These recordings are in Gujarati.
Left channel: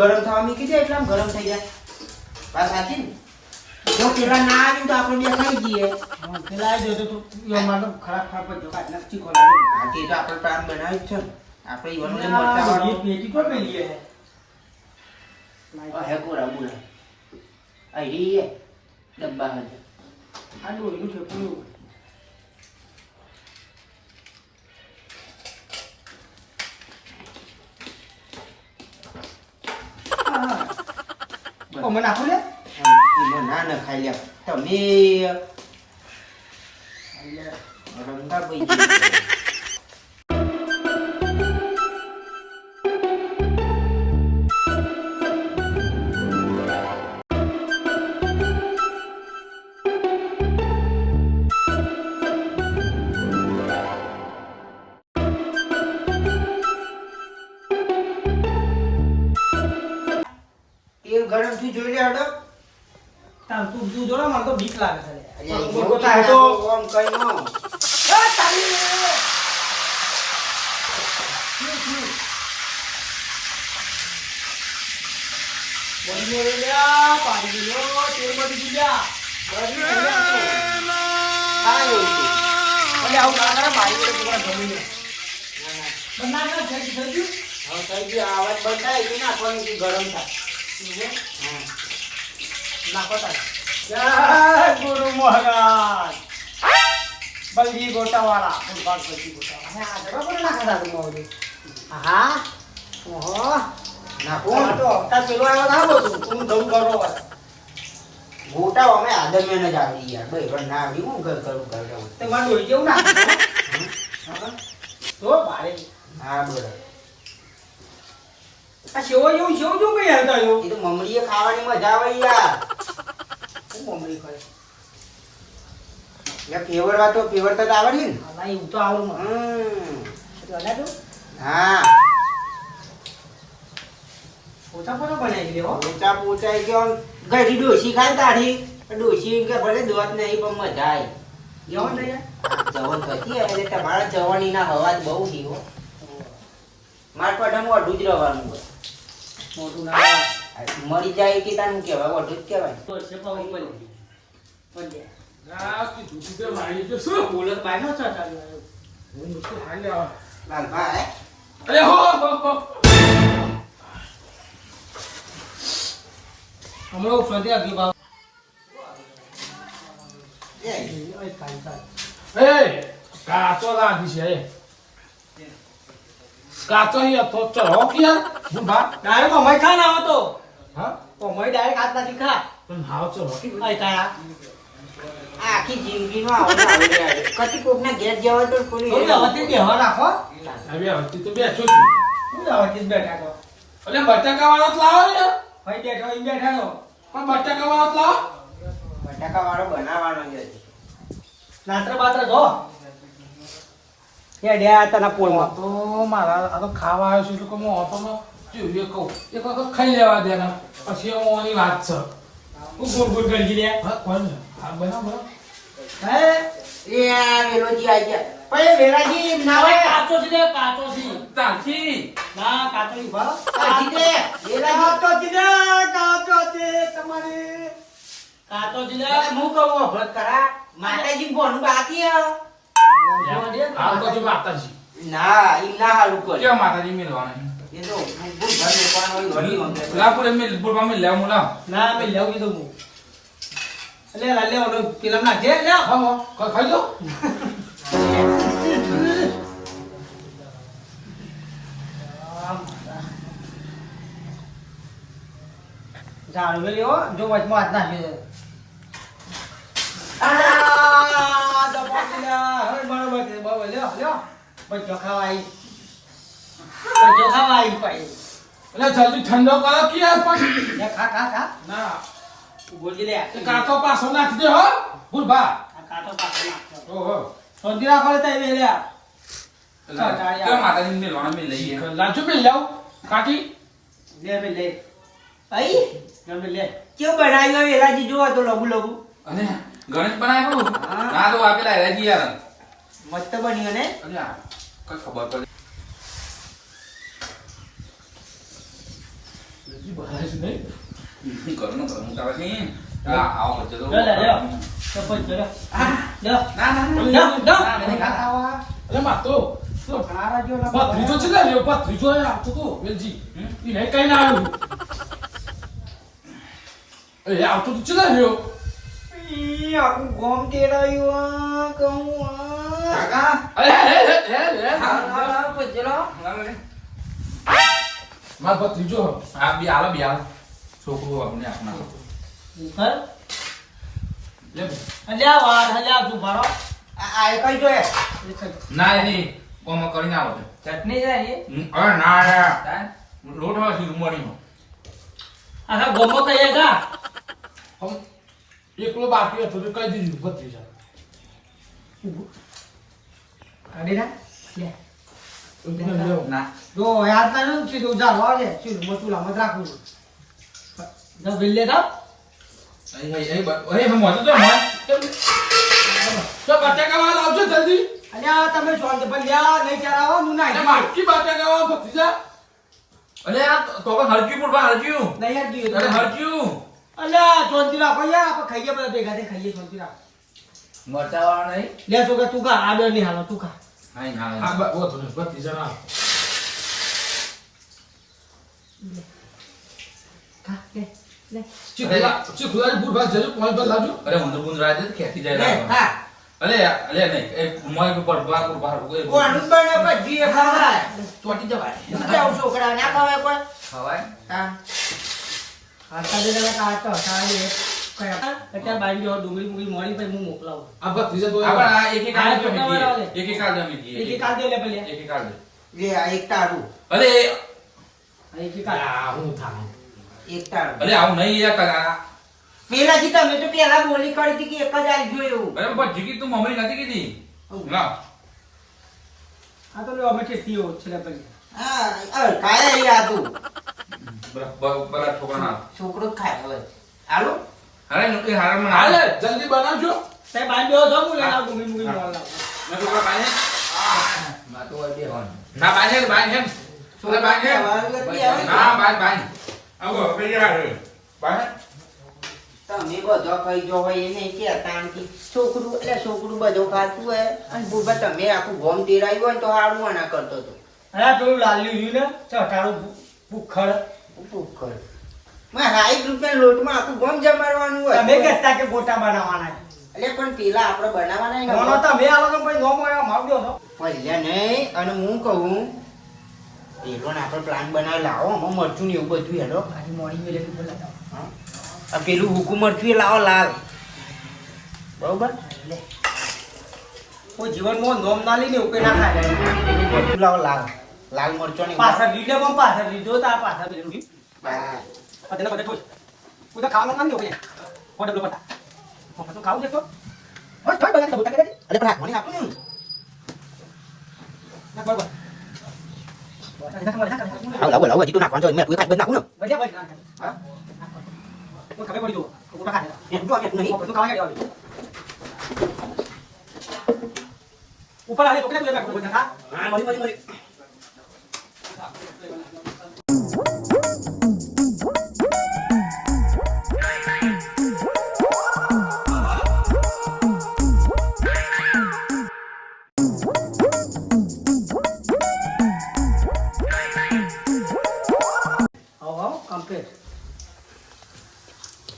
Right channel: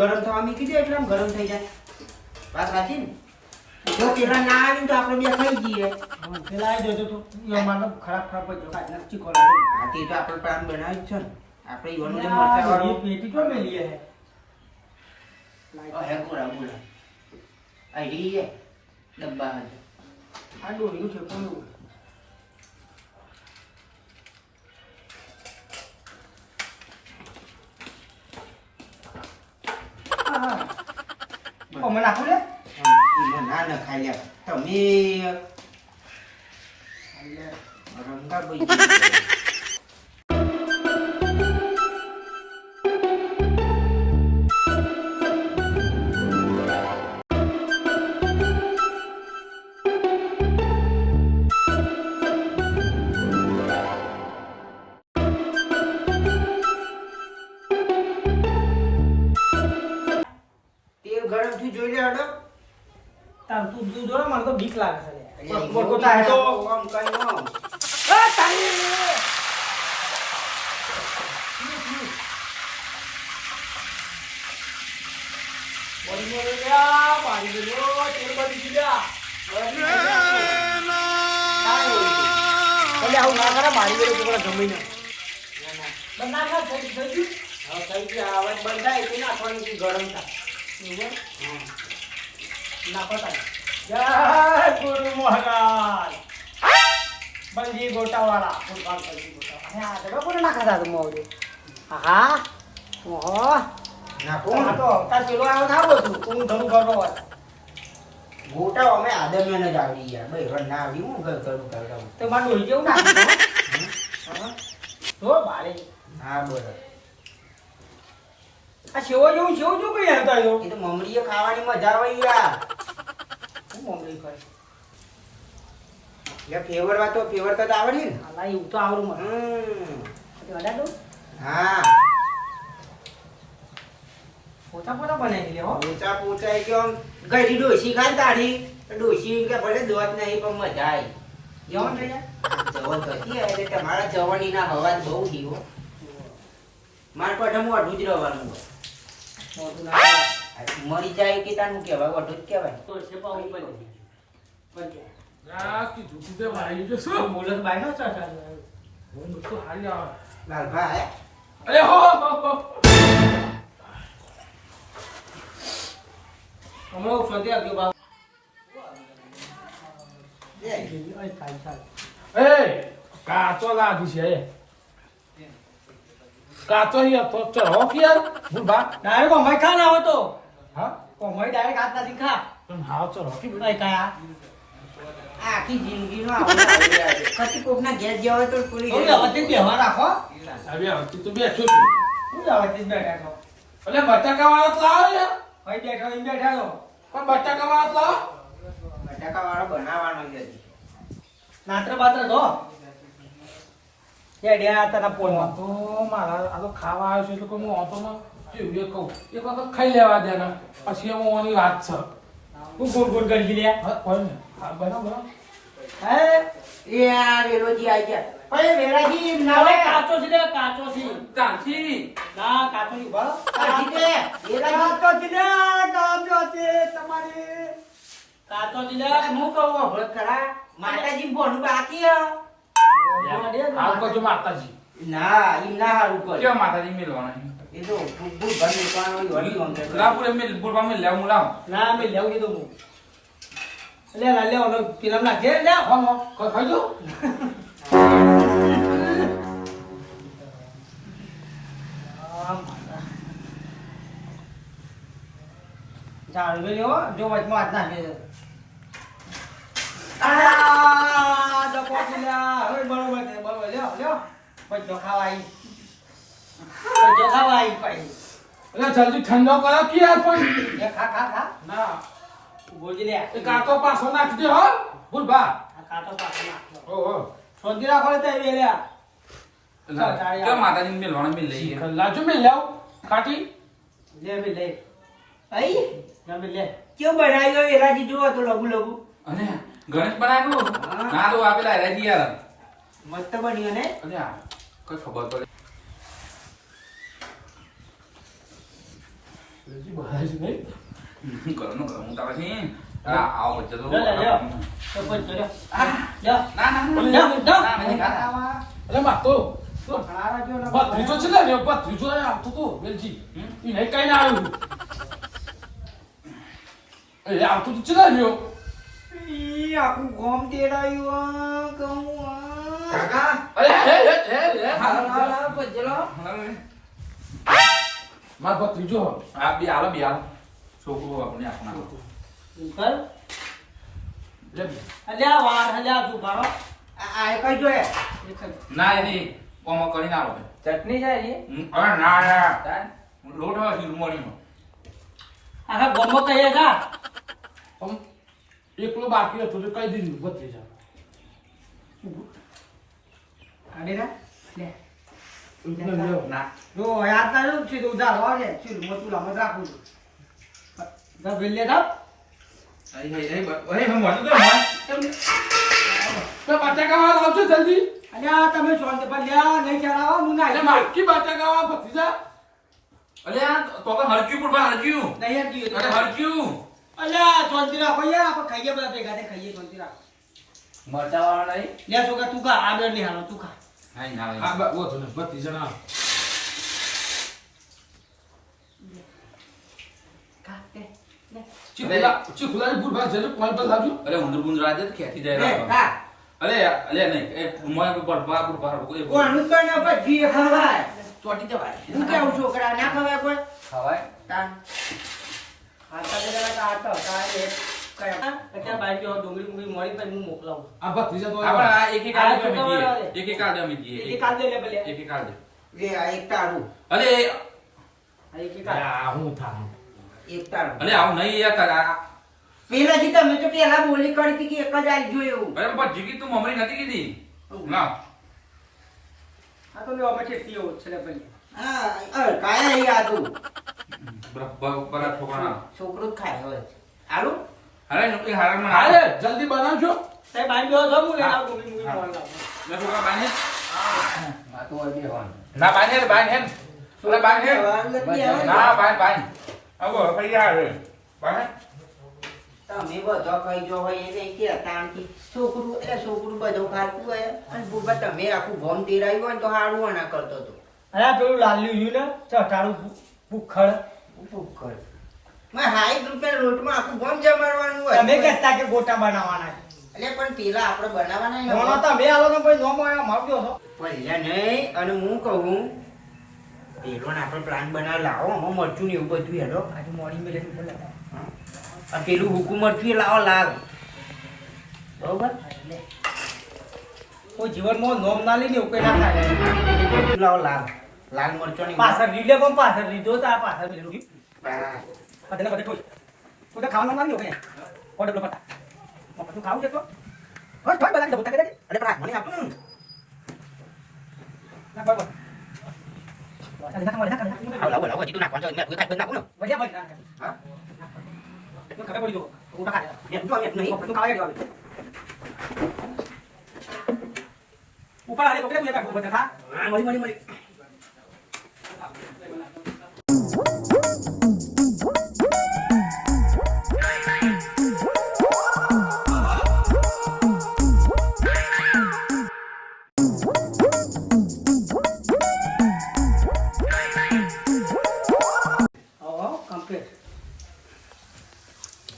ગરમ થવા મૂકી દે એટલે આમ ગરમ થઈ જાય. વાત સાચી ને? જો પેલા ના આવી તો આપણે બે ખાઈ જઈએ. પેલા આવી જતો તો મારે તો ખરાબ જ નક્કી ખોલાવે. હાથી તો આપણે પ્લાન બનાવી જ છે ને. આપણે ઈવાનું જે આ મરચાવાળું પેટી તો મેલીએ હે. હે કોરા બોલા અહીં ડબ્બા હશે. આ ડોલીનું ઠેકું અમે નાખો લે ના ના ખાઈ લે તમે રમતા ભાઈ. ગરમ થી જોઈ લે હડો. તાર તું દૂધ જોડે મને તો બીક લાગે છે અલ્યા, બટકો ચાહે તો આમ કઈ નો. ગરમ થાય. જય ગુરુ મહારાજ બલજી ગોટાવાળા ફૂટબોલ બલજી ગોટાવાળા આ જગા કોણ નાખા દાદુ મોડે હા ઓહો નાખો. આ તો તાર પેલો આવ્યો થાબો તું તું ઘણું કરો હોય મોટા અમે આદમ્ય જ આવડી યાર ભાઈ પણ ના આવડી હું કરું કરતા તે માં ડોઈ કેવું નાખે તો બારે હા બરાબર. આ સેવો જેવું કઈ હતા એવું એ તો મમરીએ ખાવાની મજા આવે યાર. હું મમ્મી કરે એટલે ફેવરવા તો ફેવરતા તો આવડે ને. અલા એવું તો આવડું મને અડા દો હા પોતા પોતા બનાવી લે હો પોચા પોચા ગયો ગઈ ડોસી ખાય તારી ડોસી કે ભલે દોત નહીં પણ મજા આવી. જવાનું થઈ જાય જવન થતી એટલે તમારા જવાની ના હવા બહુ દીવો માર પઠા મોઢું જ રહેવાનું હોય. મોટું ના મરી જાય કે તાનું કહેવાય મોઢું જ કહેવાય. તો છે પાઉ ઉપર પંજે યા કે દૂધ તે વાળી જો શું બોલો બાયનો ચાટા હું મુસ્કો હાઈ આ લાલભા હે અરે હો હમણાં ઉઠવાથી આવ્યો બાપ એ ઓય કાઈ કાઈ એ કાચો લાગી છે કાચો હી તો ચો કે યાર હું બા ડાયરેક્ટ અમાય ખા ના આવતો હા અમાય ડાયરેક્ટ હાથ નથી ખા પણ હાવ ચો કે ઓય કાયા આખી જિંદગીનો આવે કતિ કોકના ઘેર જવા તો કોઈ તો વ્યવસ્થિત બેહવા રાખો આવી આવતી તો બેઠો છું હું વ્યવસ્થિત બેઠા છો અલે બટાકા વાળો તો લાવો યાર ભાઈ બેઠો ઈ બેઠા છો પણ બટાકા વાળો તો લાવો બટાકા વાળો બનાવવાનો જ હજી. નાત્ર બાત્ર જો હે ડ્યા તના પોળમાં તો મારા આ તો ખાવા આવ્યો છું એટલે હું ઓટોમાં જોઈએ કહું એક વખત ખાઈ લેવા દે ને પછી હું ઓની વાત છે હું ગુડ ગુડ કરી લે હા કોઈ નહીં હા બરાબર હે એ આ વેલોજી આઈ ગયા પણ એ વેરાજી ના હવે હોય. કાચો છે લે કાચો છે તાથી ના કાચો ની ઉભા કાચી દે. વેરાજી કાચો છે લે કાચો છે તમારી કાચો છે લે હું કહું અભળત કરા માતાજી ભોનું બાકી હે. આમ તો જો માતાજી ના ઈ ના હારું કરે. કેમ માતાજી મેલવાના એ તો બુલ ભર દેવાનો હોય ઘણી વખત. લાપુરે મિલ બુરબા મિલ લેવા મુલા ના મે લેવું કીધું હું લે લે લે ઓનો ફિલ્મ નાખે લે હા હો ખાઈ જો જાણ મે લ્યો જો વચમાં હાથ નાખે છે આ દબાઈ લે હવે બરોબર છે બરોબર લ્યો લ્યો બચ્ચો ખાવાઈ બચ્ચો ખાવાઈ પાઈ એટલે જલ્દી ઠંડો કરો કે યાર પણ લે ખા ખા ખા ના બોલજી લે એ કાચો પાછો નાખી દે હો બુરબા આ કાતો પાછો નાખો ઓહો સોજી રાખો લે તઈ લે કેમ માતાજી મેલવાના મિલ લઈએ લાજો મિલ લાવ કાકી લે બે લે આઈ લે લે કેવું બનાવ્યો વેરાજી જોવો તો લઘુ લઘુ અને ગણેશ બનાવ્યો ના તો આપેલા રાજી યાર મસ્ત બન્યો ને. અને આ કઈ ખબર પડે વેલજી બહાર જ નહીં. હું તારે નહીં. આવો મરચો તો. લે, લે, લે. તો પછી લે. લે. ના, ના, ના. લે, લે. ના, નહીં ખાતા. ખાવા. અરે માં તો ખારા જેવો ના ભત્રીજો છે ને રે, ભત્રીજો એ આવતો તો વેલજી. ઈ નહીં કઈ ના આવ્યું. એ આવતો તો ચલા રહ્યો. ઈ આખું ગોમ તેડાયું કહું આ. કાકા. અરે હે હે હે હે. લાવ ભજલો. માર ભત્રીજો. આ બી આલો, બી આલો. છોકરો આપણે આપના. કર. લે. અલ્યા વાડ અલ્યા તું મારો. આ એ કઈ જોયે ના, એની કોમો કરીને આલો ભાઈ. ચટણી જાય ને અરે ના, ના. તાન લોટમાં છે રૂમાણીનો. આખા ગોમો કહીએ કા. હમ એકલો બાકી હતો તો કઈ દીધું ભત્રીજા. કાઢી ના. લે. એકલો લેવો. ના. જો યાદ ના નું સીધું જા વાળે સીધું મોટું લામત રાખું. જો બિલ્લે તા. હમ હોતો તો મોય. તો બટાકા લાવજો જલ્દી. અલ્યા તમે શાંત ભલ્યા નહીં ચરાવો હું ના અરે મારકી બટાકા ભત્રીજા. અરે આ તો કે હરક્યું પૂરવા હરક્યું. નહીં યાદ દીધું. અરે હરક્યું. અલ્યા શાંતિ રાખો યાર આપણે ખાઈએ બધા ભેગા થઈ ખાઈએ શાંતિ રાખ. મરચા વાળા નહીં લે છોકરા તું ખા આ બે નહીં હાલો તું ખા. નહીં ના. હા બસ ને ભત્રીજા ના. ખા લે લે. ચીખુલા બુરબા જજો કોઈ પર લાવજો. અરે ઊંધું ગુંદ રાજે ખેતી લે જાય. હા અરે નહીં એ મોય પર કોનું બને ભજી ખવાય ચોટી જવાય. હું કેવું છોકરા ના ખવાય કોઈ ખવાય. તાન આટા જે તમે કાઢતો તારે એક કયા અત્યારે બાજુ જો ડુંગળી મુંગળી મોડી પછી હું મોકલાવું. આ ભત્રીજા તો આપણે આ એક એક આ કાળ છોકરા વાળા લે. એક એક કાળ જમી દઈએ. એક એક કાઢ દે લે પેલે. એક એક કાળ દે. લે આ એક તાડું અરે આ એક એક કાઢ. આ હું થામ. એક તાડું અરે આવું નહીં યાર કાકા. પેલા જી તમે તો પેલા બોલી કરી હતી કે એક જ આવી ગયો એવું અરે બાપા જીગી તું મમ્મી નથી કીધી. ના. આ તો લે અમે ચેતી હો છે લે પેલે. હા કાયા એ આદુ બરા છોકરા. છોકરો જ ખાય હોય આલુ અરે એ હારા મને હાલે જલ્દી બનાવજો. તે બાજુ જો હું લેના ડુંગળી મુંગળી મોકલાવું. મેં છોકરા બાંધે. માં તો હોય બે હોન ના બાંધે બાંધે. છોકરા બાંધે. ના બાંધ. આવો કઈ યાર. બાંધ. તમે બધો કઈ જો હોય એને કે તાણથી છોકરું એટલે છોકરું બધો ખાતું હોય અને બુબા તમે આખું ગોમ તેરાયું હોય ને તો હારું આના કરતો તો અરે પેલું લાલ્યું રહ્યું ને ચટાડું ભૂખડ. ભૂખડ માં 60 રૂપિયા લોટમાં આખું ગોમ જમાડવાનું હોય તમે કહેતા કે ગોટા બનાવવાના છે. એટલે પણ પેલા આપણે બનાવવાના ને નોનો તમે આવો તો કોઈ નો માર દો તો. ભલ્યા નહીં અને હું કહું પેલો ને આપણે પ્લાન બનાવી લાવો આમાં મરચું ને એવું બધું હેડો આજે મોર્નિંગ મેલે તો લતા. આ પેલું હુકુમ મરચું એ લાવો લાલ બરોબર લે. કોઈ જીવનમાં નોમ ના લઈને એવું કઈ ના થાય. મરચું લાવો લાલ લાલ મરચું ની પાછળ લીધે પણ પાછળ લીધો તો આ પાછળ લીધું. બા. આ તેને બધે ઠોઈ. કોઈ તો ખાવાનું ના લ્યો ભાઈ. ઓર્ડર લો પટા. તું ખાવું છે તો? બસ ભાઈ બધા બોલતા કરે. અરે પણ મને આપો ને ના બરાબર. લાવો લાવો હજી તો નાખવાનું છે મેં કોઈ કાઢ નાખું ને ભૈયા ભાઈ. હા. તો ખબર પડી જો. તું ખા. મેં જો નહીં તું ખાવા દેવાનું. ઉપર આલે તો કેટલા તું બધા ખા. હા મળી મળી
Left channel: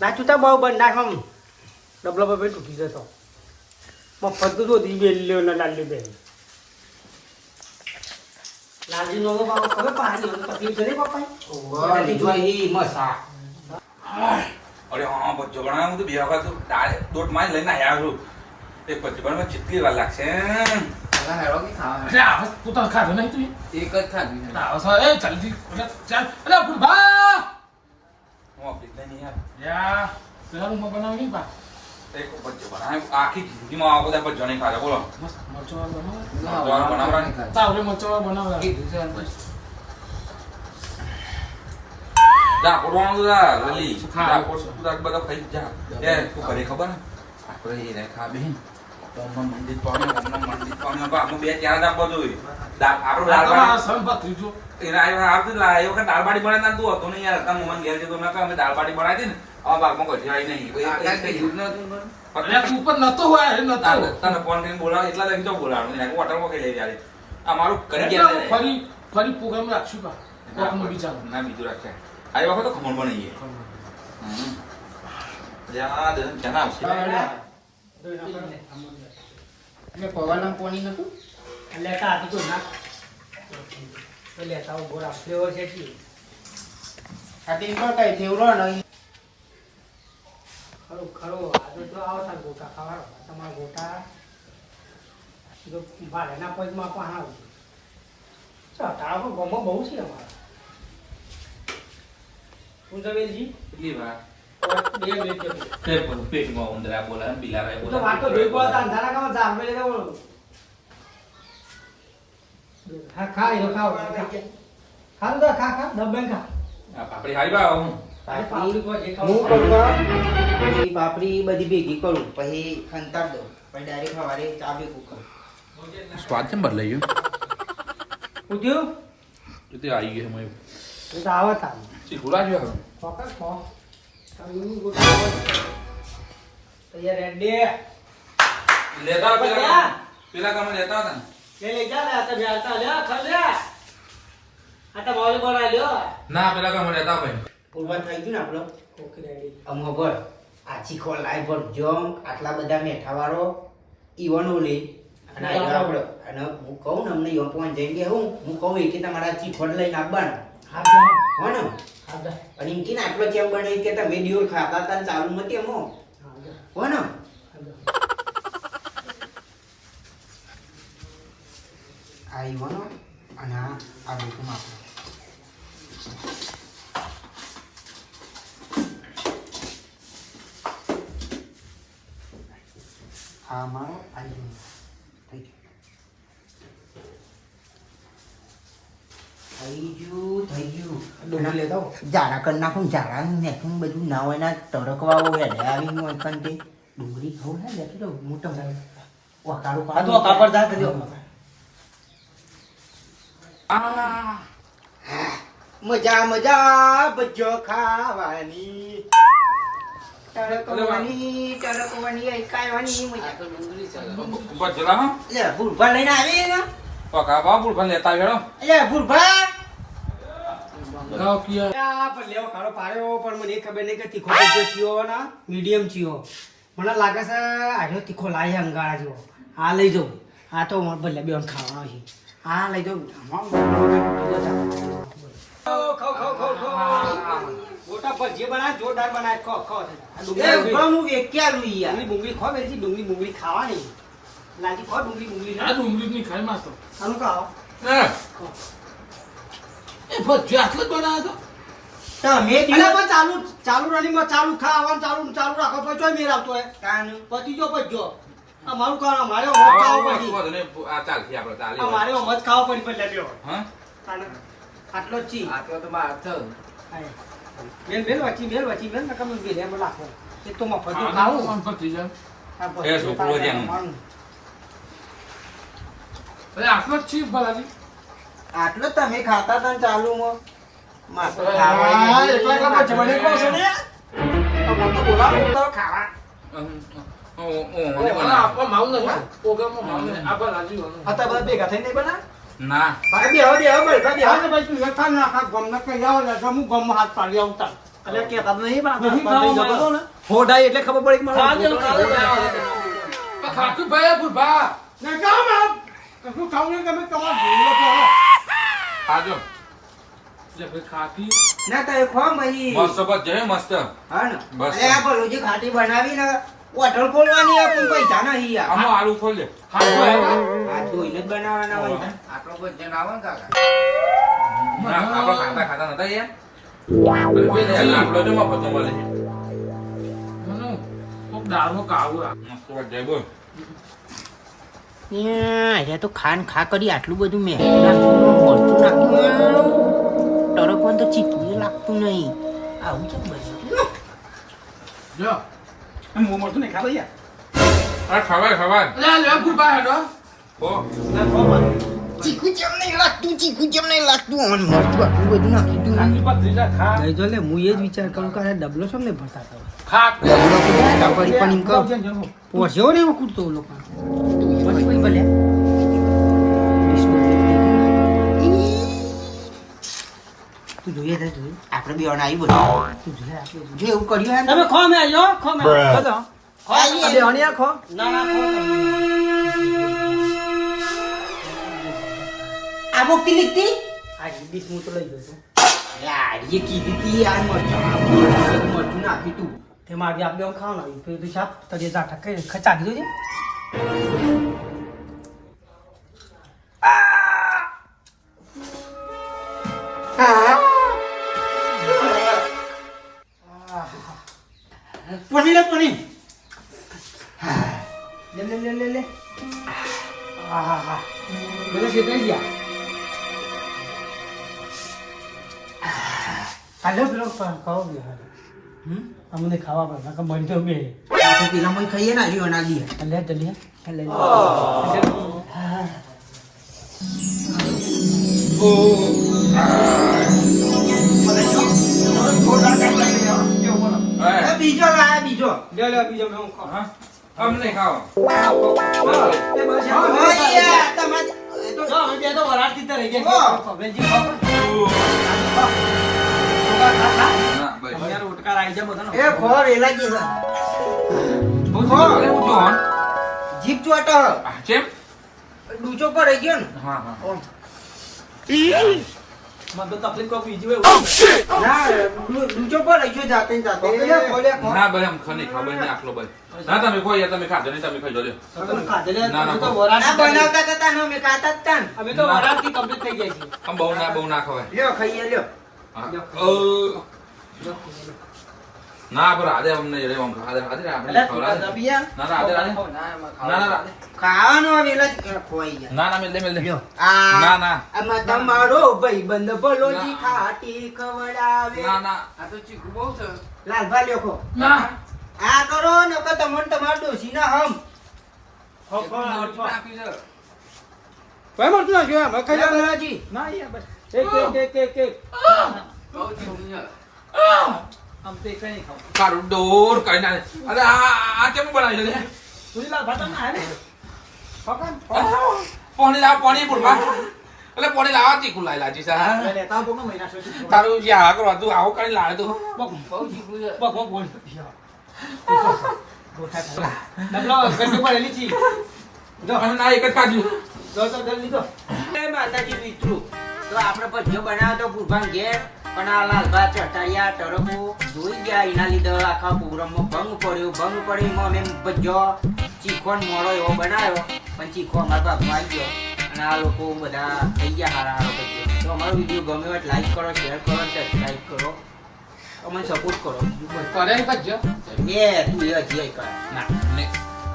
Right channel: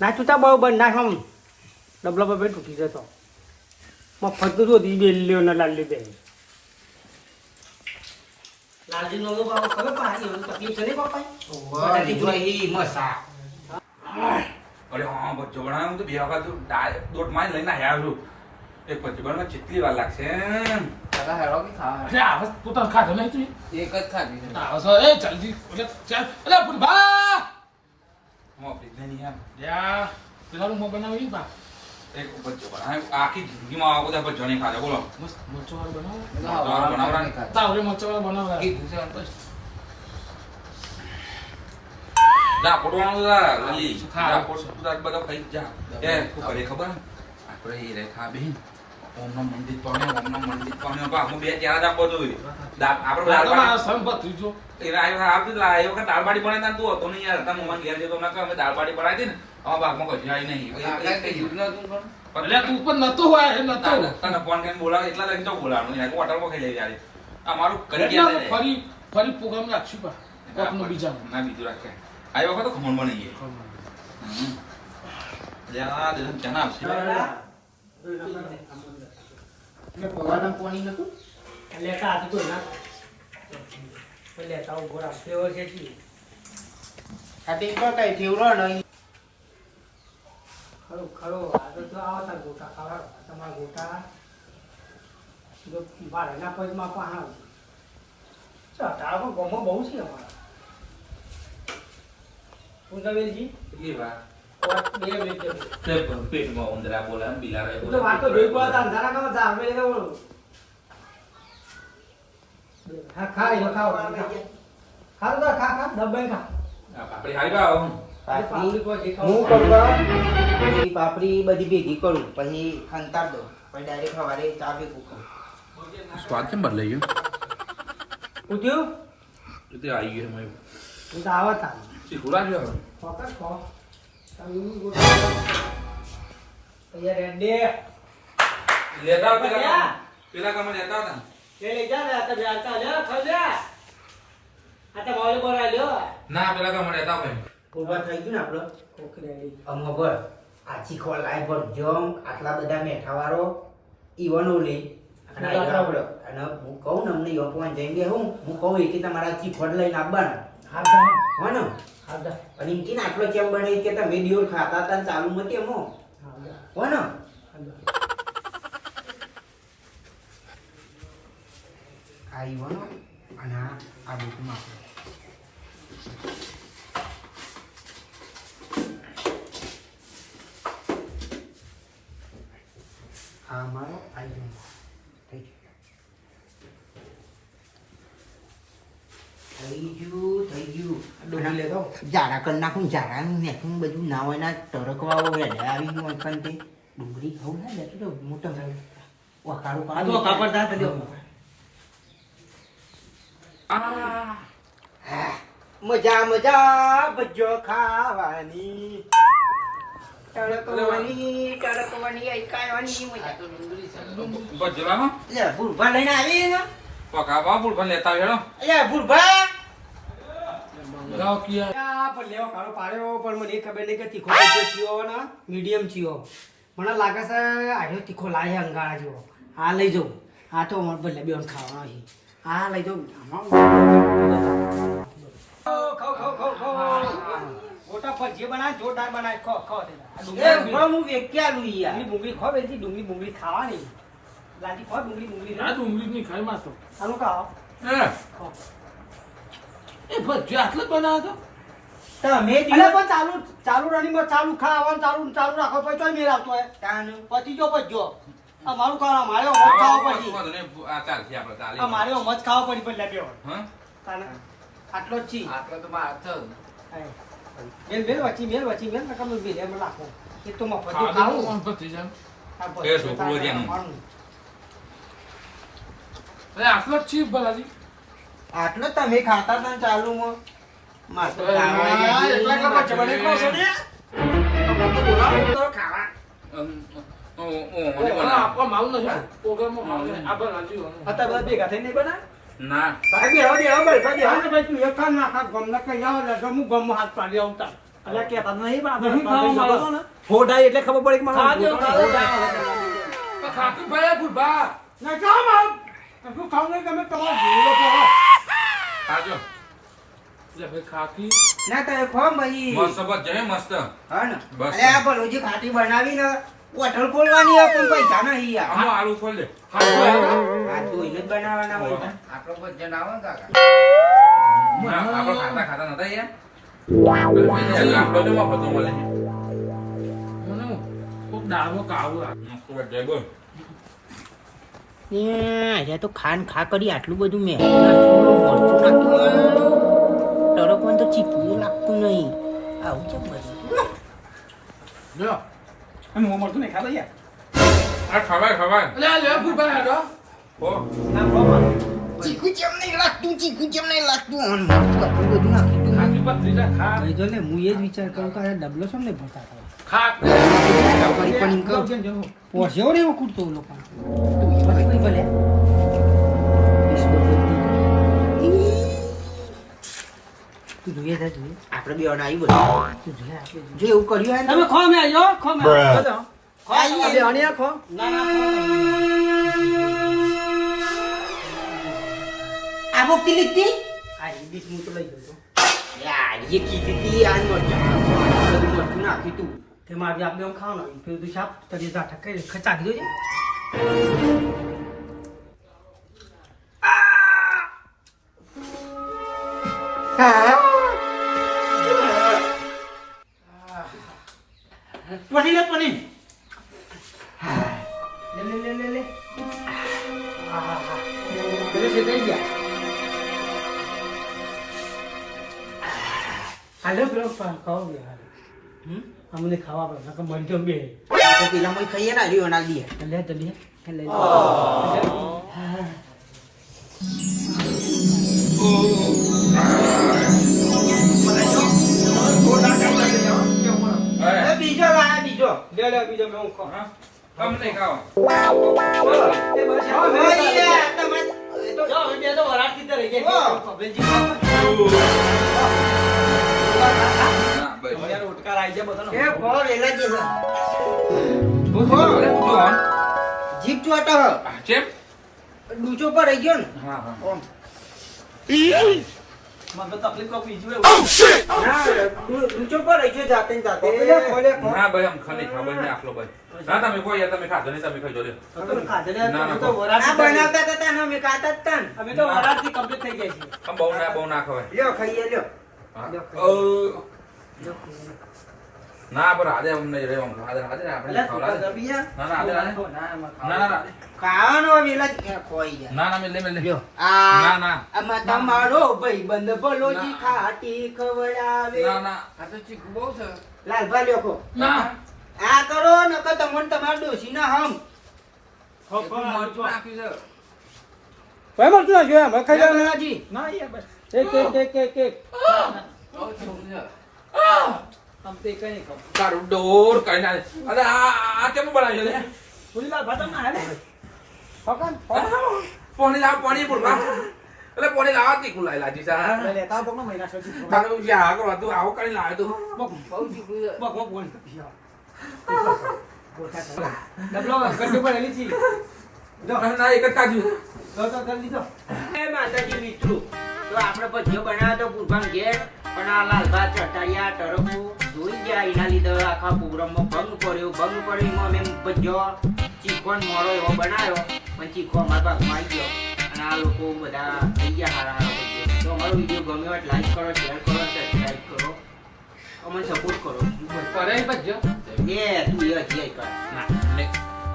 ના ચૂતા બહુ બંધ નાખ આમ ડબલો બબે તૂટી જતો મફત તો દી બેલ્યો ને લાલ્યો બે લાલજી નો બાબા ખબર પાણી નો તકલીફ છે રે બાપા બધી જોઈ મસા અરે હા બચ્ચો બનાવ્યો હું તો બે વખત તો દાળ દોટ માં લઈને આવ્યા છું. એક બચ્ચો બનાવવા કેટલી વાર લાગશે. પેલા હેડો કે ખાવા અરે આવ પોતાનું ખાધું નહીં તું. એક જ ખાધી છે આવ સર એ જલ્દી ચાલ. અરે બુરબા. હું આપી નહીં યાર. યા પેલા હું બનાવી બા. એક બચ્ચો બનાવ્યો આખી જિંદગીમાં આવા બધા બચ્ચો નહીં ખાધા બોલો. મસ્ત મરચાવાળ બનાવો. બનાવડા તાવરે મરચાવાળ બનાવલા. જા પોડવાનું જા લલી હા. જા પોડ બધા ખાઈ જા એ તું કરે ખબર આપણે એ રેખા બેન ઓમમાં મંદિર પામે, ઓમમાં મંદિર પામે. બાપુ બે ચાર જ આપવો જોઈએ. આપણો આ તમારા દાળ સંપત ત્રીજો એના આવતું એ વખત દાળ બાટી બનાવતા તું હતો નહીં યાર. તમે મોહન ઘેર જતો મેં કહ્યું અમે દાળ બાટી બનાવી હતી ને આવા ભાગમાં કશું આવી નહીં. એટલે તું પણ નતો હોય એ નતો તને ફોન કરીને બોલાવે એટલા તો બોલાવાનું એને હોટલમાં ખાઈ લઈ જાય. આ મારું કરી એટલે ગયા છે. ફરી પ્રોગ્રામ રાખશું પા કોકનો બીજાનો ના બીજું રાખે આ વખત તો ખમણ બની ગઈ. જ્યાં દેશ જના આવશે. એટલે પવાના પાણી નતું લેતા આથી તો ના તો લેતા ઉભો રાખ ફ્લેવર છે જી ખાતી પર કઈ થેવરો નહીં ખરો ખરો આ તો જો આવો તાર ગોટા ખાવા તમારા ગોટા જો ભાડાના પગમાં પણ આવશે ચાલ તારા પણ ગમો બહુ છે અમારા શું જવેલજી કેટલી વાર 2 મિનિટ જશે તે પેટમાં ઉંદરા બોલા ને બિલાડા હું તો વાત તો જોઈ પડતા અંધારા કામ જા અમે લેતા બોલો હા ખા એ ખાઓ ખા તો ખા ખા દબાઈ ખા આપણી હારી બા હું પાપડી કો જે હું કરતો એ પાપડી બધી ભેગી કરું પછી ખંતાર દો પછી ડાયરેક્ટ સવારે ચા ભેગું કરું સ્વાદ કેમ બદલાઈ ગયો? ઉઠ્યું તે આવી ગયો મેં એ તો આવા તા શીખુડા જો હવે ફોકસ ખો તૈયાર રેડી લેતા પેલા કામ લેતા હતા લે લઈ જા ને આ તો બેલતા લે ખાઈ લે આ તો બોલી બોલાઈ લ્યો ના પેલા કામ લેતા ભાઈ પૂરવા થઈ ગયું ને આપણો ઓકે રેડી અમો ભર આછી ખોલ લાઈ ભર જમ આટલા બધા મેઠાવાળો ઈવન ઓલી અને આપણે અને હું કહું ને અમને યોપવાન જઈને હું કહું કે તમારા ચીઠોડ લઈને આવવાનું હા જા હો ને હા જા અને એમ કે ને આટલો ચેમ બને કે તમે દિવસ ખાતા હતા ને ચાલુ માં કેમ હો હા જા હો ને હા જા આ ઈવન અને આ ડોકું આપણે આ મારો આ ઈવન થઈ ગયું ડોલી લેતા ઝાડા કરી નાખું ઝાડા નાખું બધું ના હોય ના તડકવાઓ હેડે આવી હું અંકન તે ડુંગળી ખાવું ના લેતી તો મોટો વકાળો આ તો કાપડ જા કરી દો મજા મજા ભજો ખાવાની તડકવાની એકાવાની મજા બજલામાં લે ભૂલભા લઈને આવી ને પકા બા બુલ ભલે લેતા ગયો લે ભૂલભા ગાવ કિયા આ પર લેવો કાળો પાડ્યો પણ મને એ ખબર નહીં કે તીખો ભજીયો ચિયો ના મીડિયમ ચિયો મને લાગે છે આજો તીખો લાય અંગાળા જેવો આ લઈ જાઉં આ તો મારે બદલે બેન ખાવાનો છે આ લઈ જાઉં ગોટા પર જે બનાય જોરદાર બનાય ખો ખો હું વેક્યાલું યાર ડુંગળી ખો બેસી ડુંગળી ખાવાની લાજી ખો ડુંગળી આ ડુંગળી ની ખાઈ માં તો આનું ખાઓ એ ભજ્યો આટલો જ બનાવ્યો તમે એટલે પણ ચાલુ રણીમાં ચાલુ ખાવાનું ચાલુ રાખો પછી ચોય મેર આવતો હોય તાનું પતિ જો પજ્જો અમારું ખાવા મારે ઓમજ ખાવો પડી આ ચાલથી આપણે ચાલી આ મારે ઓમજ ખાવો પડી પણ લેબ્યો હા આટલો જ છી આટલો તો માર થયું બેલ વચી બેલ નકમ બેલ એમ રાખો એ તો મફત ખાવું ખાવું કોણ પર થઈ જાય એ છોકરો છે એનું. એ આટલો જ છે ભલાજી આટલો તમે ખાતા હતા ને ચાલુમાં માર તો એટલા ખાવા કે જમણે કહો છો ને તો બોલાવો તો ખાવા આપવા માવું નથી પ્રોગ્રામમાં માવું નથી આ ભલાજી વાનું હતા બધા ભેગા થઈને નહીં બના ના ભાઈ ભાઈ તું એક થાન નાખા ગમને કઈ આવો ને હું ગમ હાથ પાડી આવતા એટલે કેતા નહીં બા હોડાઈ એટલે ખબર પડી કે મારો ખાતું ભાઈ ભૂલભા ને કામ આપ તું ખાવ ને તમે તમાર જીવો છો ખાજો જે ભાઈ ખાતી ના તો ખો ભાઈ મસ્ત બસ જય મસ્ત હા ને બસ. અરે આ ભલું જે ખાટી બનાવી ને હોટલ ખોલવાની આપણે પૈસા નહીં યાર આમાં આલુ ખોલ દે આ ધોઈને જ બનાવવાના હોય ને. આપણો ભજન આવે ને કાકા આપણે ખાતા નતા યાર આપણો જો મફત નો મળે તો દાળમાં કાવું મસ્ત જય બોલ અહીંયા તો ખાન ખા કરી આટલું બધું મેં નાખ્યું મરચું નાખ્યું ટરકવાનું તો ચીકું લાગતું નહીં આવું કેમ બને જો હું મળતું નહીં ખાતો યાર આ ખવાય ખવાય અરે આ લેવા ફૂફા હેડો ઓ ચીકુ જેમ નહીં લાગતું અને મરચું આટલું બધું નાખી તું ખાકી પત્રીજા ખા નહીં જો લે હું એ જ વિચાર કરું કે આ ડબલો છે ને ભરતા હતા ખા પણ એમ કહું પોસ્યો ને એમાં કૂદતો લોકો પછી ભલે તું જોઈએ છે જોઈએ આપણે બે જણા આવી બધું તું જોઈએ આપણે જો એવું કર્યું હોય ને તમે ખો મે આયો ખો મે ખો તો ખો આઈએ. બે હણિયા ખો ના ના ખો આ બોકી લીધી આ હિન્દી હું તો લઈ જતો યાર એ કીધી તી આ મરચું નાખી તું તેમાં આજે આપણે ખાવ ના ફિર તું સાપ તને જા ઠકે ખચા દીધો છે પની લે પની લે બોલો છે કઈ ગયા હાલો પેલો ખાવ બે અમને ખાવા પડે કે મન તો બે તો પેલા મને ખાઈએ ને રહ્યો ના દે લે જલ્દી લે બીજો લાયા બીજો લે બીજો મેં હું ખાવ હા આમ નહીં ખાઓ એ બસ તમારે જો હવે બે તો વરાળથી તો રહી ગયા બેનજી ખાવ ના ભાઈ યાર ઉટકા આવી જાય બધાનો એ ખોર એલા કે જીપ ચોટ કેમ ડૂચો પર રહી ગયો ને હા હા ઓમ મને તો તકલીફ કોઈ બીજી હોય ના ડૂચો પર રહી ગયો જાતે ને જાતે ના ભાઈ આમ ખની ખાવ ભાઈ આખલો ભાઈ ના તમે કોઈ યાર તમે ખાજો નહીં તમે ખાઈ જોજો તમે ખાધેલે ના, ના, અમે તો આ વરાળથી બનાવતા હતા ને અમે ખાતા જ તા ને અમે તો વરાળથી કમ્પ્લીટ થઈ ગયા છીએ આમ બહુ ના ખવાય લ્યો ખાઈએ લ્યો હા. ના પર આદે અમને રે આમ આદે આદે આપણે ખવડાવે. દબિયા ના ના આદે આદે. ના ના ખાવાનો વેલા જ ખોઈ જાય ના ના મેલે મેલે લ્યો ના આ ના આમાં તમારો ભાઈબંધ ભલોજી ખાટી ખવડાવે ના ના આ તો ચીકુ બહુ છે લાલભા લ્યો ખો ના આ કરો નકર તમને તમારા ડોશી ના હમ નાખ્યું છે કોઈ મળતું ના જોયા અમે ખાઈ લ્યો જવાનું. ભલાજી. ના યાર બસ એક બહુ ચીકુ છે આમ તો એક નહીં ખાવ કારું ડોર કઈ ના અરે આ કેમ બનાવ્યું છે પૂરી લાલ ભાત ના હે ને પકડ પાણી લાવ પાણી પૂરવા એટલે પાણી લાવવા તીખું લાઈ લાજી સા લે લેતા તો મહિના સુધી તારું જે આ કરવા તું આવો કરીને લાવે તું બક બહુ ચીકુ છે બક બોલ ગોઠા ખા ડબલા ગંડી પડેલી છી ના એક જ ખાજુ જો તો જલ્દી તો એ માતાજી મિત્રો તો આપણે ભજીયો બનાવ્યો તો ભૂરભાન ઘેર પણ આ લાલભા ચટાડિયા ટરકો જોઈ ગયા એના લીધે આખા પ્રોગ્રામમાં ભંગ પડ્યો એમાં અમે ભજીયો ચીખોન મોળો એવો બનાવ્યો પણ ચીખો અમારા ભાગમાં આવી ગયો અને આ લોકો બધા થઈ ગયા હારા ભજીયો. તો અમારો વિડીયો ગમ્યો હોય લાઈક કરો શેર કરો સબસ્ક્રાઈબ કરો અમને સપોર્ટ કરો કરે ને ભજ્યો એ તું એ હજી કર ના નહીં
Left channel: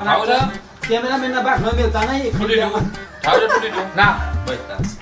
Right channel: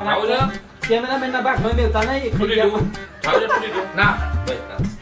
આવું છે કેમેરામેન ના ભાગ ન મેલતા નહીં તૂટી ખાઈ દઉં આવું તૂટી દઉં ના બસ